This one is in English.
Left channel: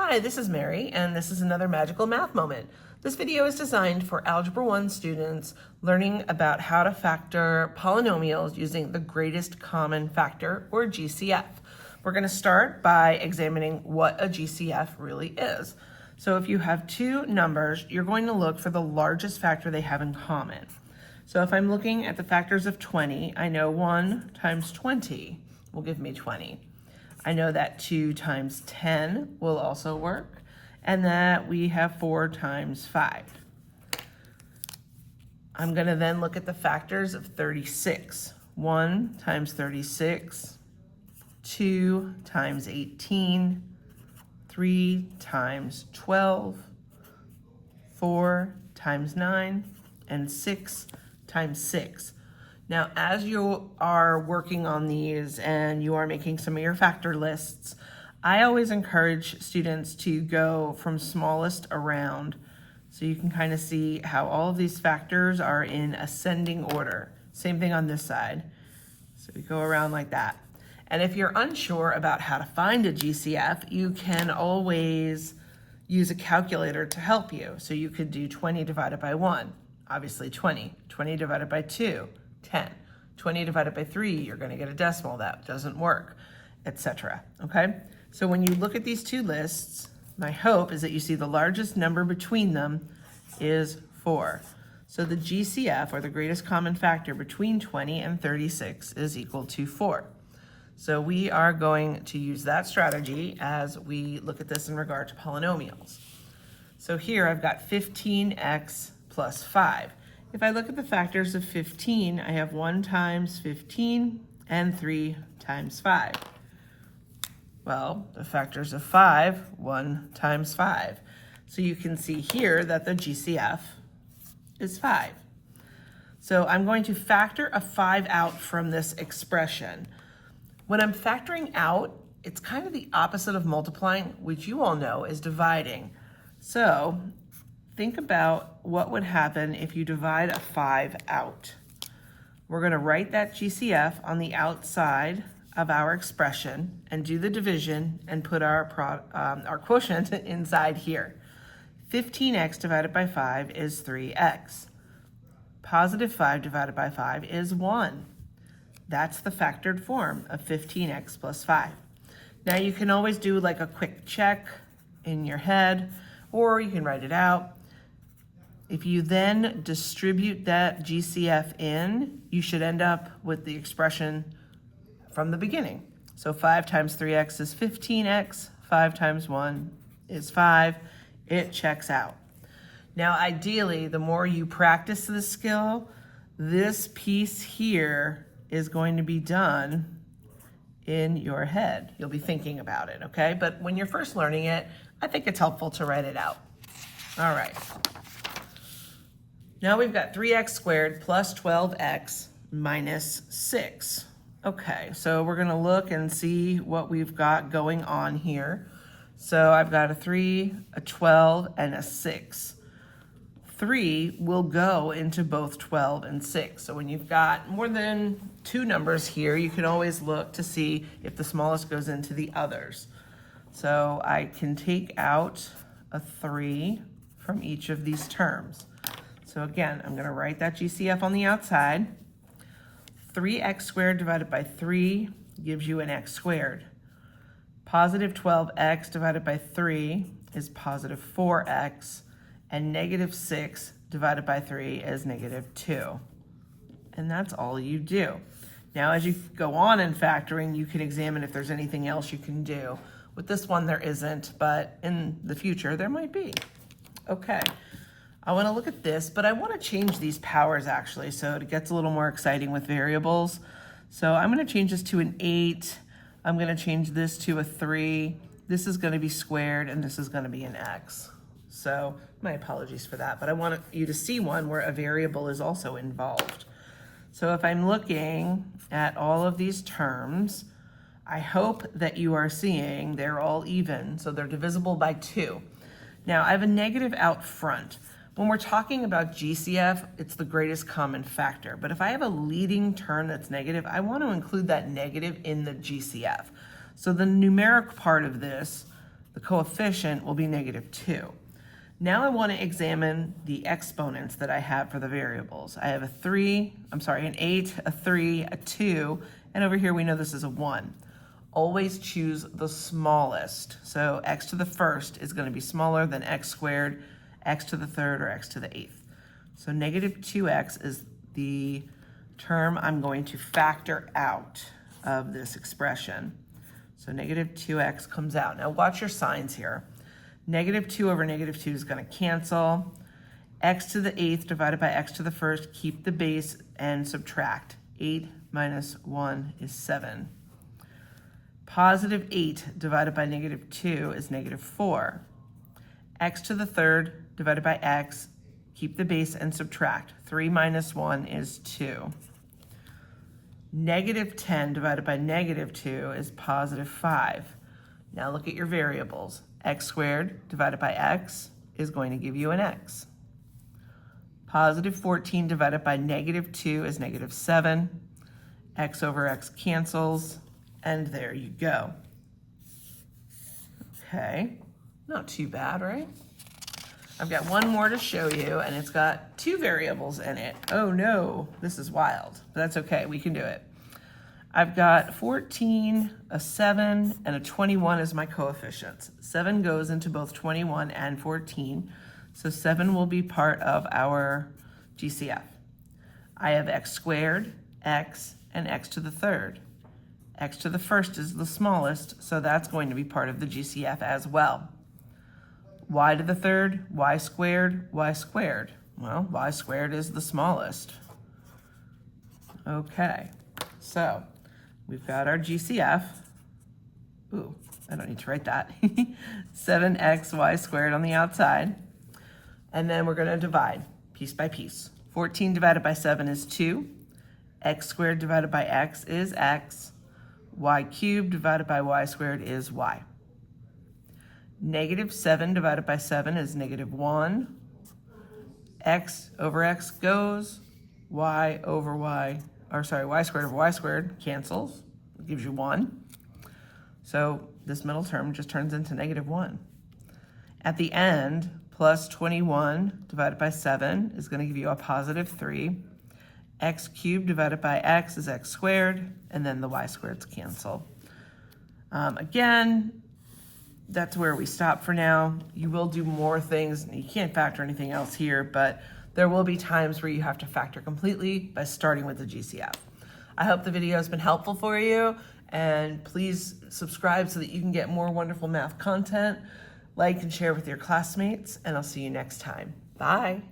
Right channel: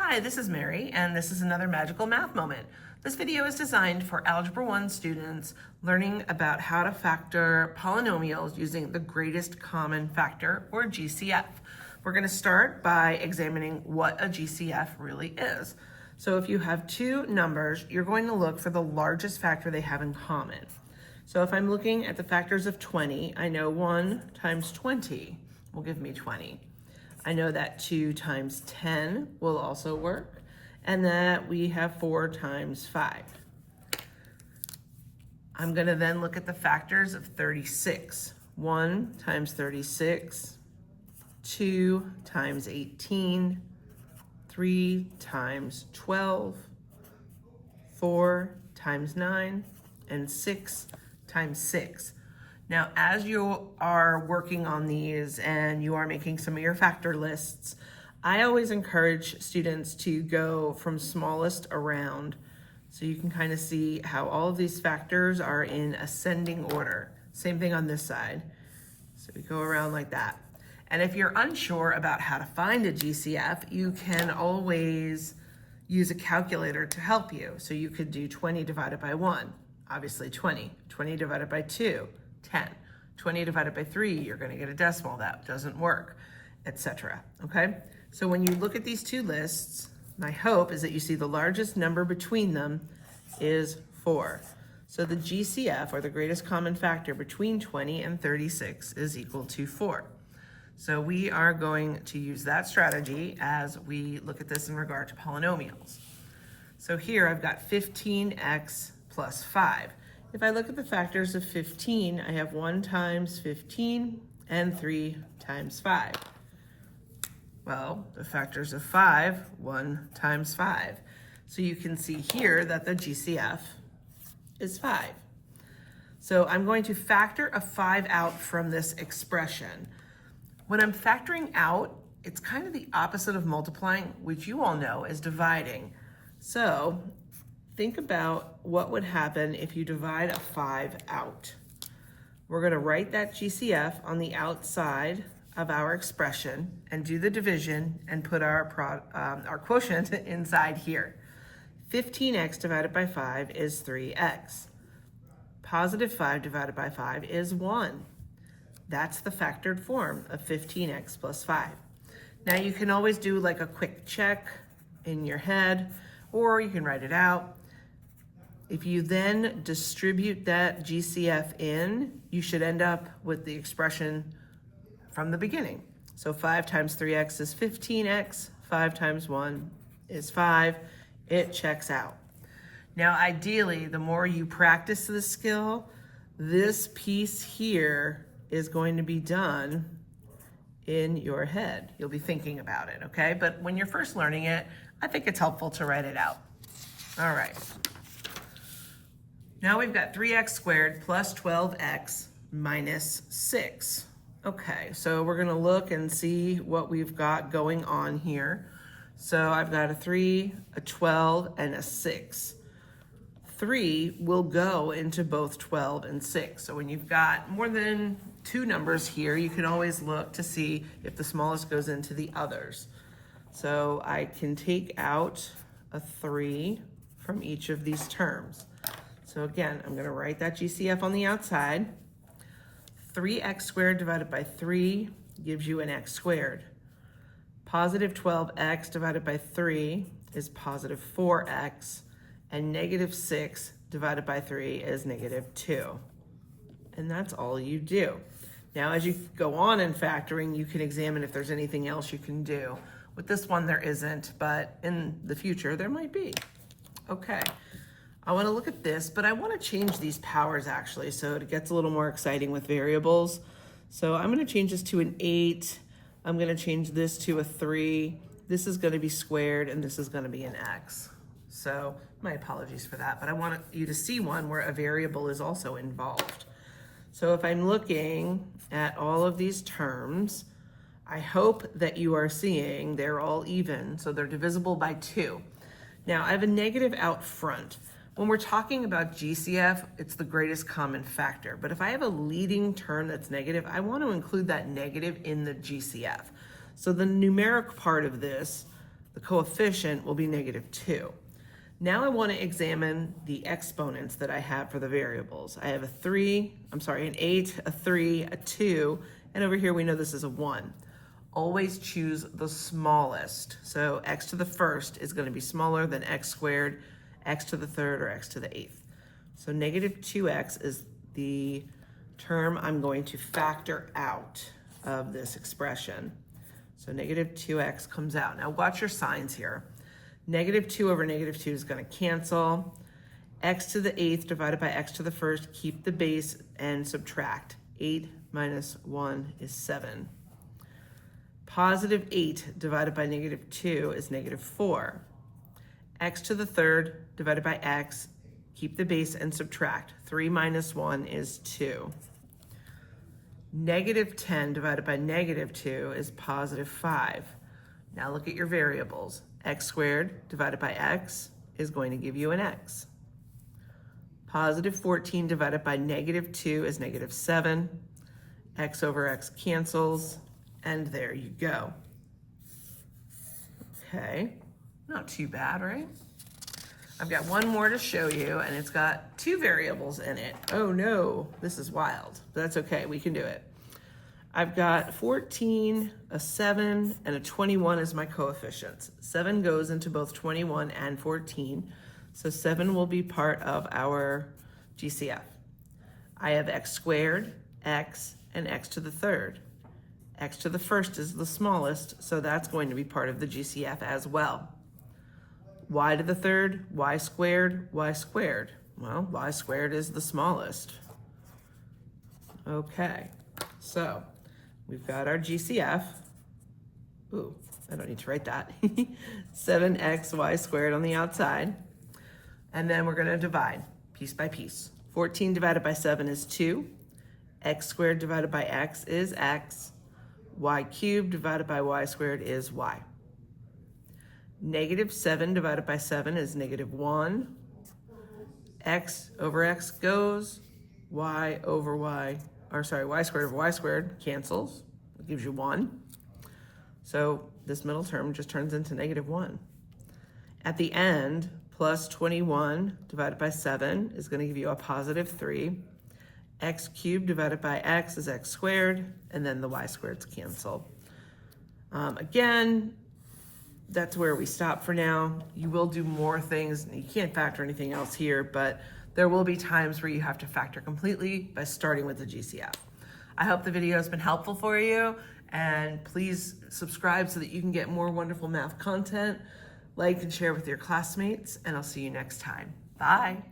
Hi, this is Mary, and this is another magical math moment. This video is designed for Algebra 1 students learning about how to factor polynomials using the greatest common factor, or GCF. We're going to start by examining what a GCF really is. So if you have two numbers, you're going to look for the largest factor they have in common. So if I'm looking at the factors of 20, I know 1 times 20 will give me 20. I know that 2 times 10 will also work, and that we have 4 times 5. I'm going to then look at the factors of 36. 1 times 36, 2 times 18, 3 times 12, 4 times 9, and 6 times 6. Now, as you are working on these and you are making some of your factor lists, I always encourage students to go from smallest around so you can kind of see how all of these factors are in ascending order. Same thing on this side. So we go around like that. And if you're unsure about how to find a GCF, you can always use a calculator to help you. So you could do 20 divided by 1, obviously 20. 20 divided by 2, 10. 20 divided by 3, you're going to get a decimal. That doesn't work, etc. Okay? So when you look at these two lists, my hope is that you see the largest number between them is 4. So the GCF, or the greatest common factor between 20 and 36, is equal to 4. So we are going to use that strategy as we look at this in regard to polynomials. So here I've got 15x plus 5. If I look at the factors of 15, I have 1 times 15 and 3 times 5. Well, the factors of 5, 1 times 5. So you can see here that the GCF is 5. So I'm going to factor a 5 out from this expression. When I'm factoring out, it's kind of the opposite of multiplying, which you all know is dividing. So think about what would happen if you divide a 5 out. We're going to write that GCF on the outside of our expression and do the division and put our quotient inside here. 15x divided by 5 is 3x. Positive 5 divided by 5 is 1. That's the factored form of 15x plus 5. Now you can always do like a quick check in your head, or you can write it out. If you then distribute that GCF in, you should end up with the expression from the beginning. So 5 times 3x is 15x, 5 times 1 is 5. It checks out. Now ideally, the more you practice this skill, this piece here is going to be done in your head. You'll be thinking about it, okay? But when you're first learning it, I think it's helpful to write it out. All right. Now we've got 3x squared plus 12x minus 6. Okay, so we're going to look and see what we've got going on here. So I've got a 3, a 12, and a 6. 3 will go into both 12 and 6. So when you've got more than two numbers here, you can always look to see if the smallest goes into the others. So I can take out a 3 from each of these terms. So again, I'm going to write that GCF on the outside. 3x squared divided by 3 gives you an x squared. Positive 12x divided by 3 is positive 4x. And negative 6 divided by 3 is negative 2. And that's all you do. Now, as you go on in factoring, you can examine if there's anything else you can do. With this one, there isn't, but in the future, there might be. Okay, I want to look at this, but I want to change these powers actually, so it gets a little more exciting with variables. So I'm going to change this to an 8. I'm going to change this to a 3. This is going to be squared, and this is going to be an x. So my apologies for that, but I want you to see one where a variable is also involved. So if I'm looking at all of these terms, I hope that you are seeing they're all even, so they're divisible by 2. Now I have a negative out front. When we're talking about GCF, it's the greatest common factor. But if I have a leading term that's negative, I want to include that negative in the GCF. So the numeric part of this, the coefficient will be -2. Now I want to examine the exponents that I have for the variables. I have an 8, a 3, a 2, and over here we know this is a 1. Always choose the smallest. So x to the first is going to be smaller than x squared, x to the third, or x to the eighth. So -2x is the term I'm going to factor out of this expression. So -2x comes out. Now watch your signs here. -2 over -2 is going to cancel. X to the eighth divided by x to the first, keep the base and subtract. 8 minus 1 is 7. +8 divided by -2 is -4. X to the third divided by x, keep the base and subtract. 3 minus 1 is 2. -10 divided by -2 is +5. Now look at your variables. X squared divided by x is going to give you an x. +14 divided by -2 is -7. X over x cancels, and there you go. Okay, not too bad, right? I've got one more to show you, and it's got 2 variables in it. Oh no, this is wild, but that's okay, we can do it. I've got 14, a 7, and a 21 as my coefficients. 7 goes into both 21 and 14, so 7 will be part of our GCF. I have x squared, x, and x to the third. X to the first is the smallest, so that's going to be part of the GCF as well. Y to the third, y squared, y squared. Well, y squared is the smallest. Okay, so we've got our GCF. Ooh, I don't need to write that. 7xy squared on the outside. And then we're going to divide piece by piece. 14 divided by 7 is 2. X squared divided by x is x. Y cubed divided by y squared is y. -7 divided by 7 is -1. X over x goes. Y squared over y squared cancels. It gives you 1. So this middle term just turns into -1. At the end, plus 21 divided by 7 is going to give you a +3. X cubed divided by x is x squared, and then the y squareds cancel. Again, that's where we stop for now. You will do more things. You can't factor anything else here, but there will be times where you have to factor completely by starting with the GCF. I hope the video has been helpful for you, and please subscribe so that you can get more wonderful math content. Like and share with your classmates, and I'll see you next time. Bye.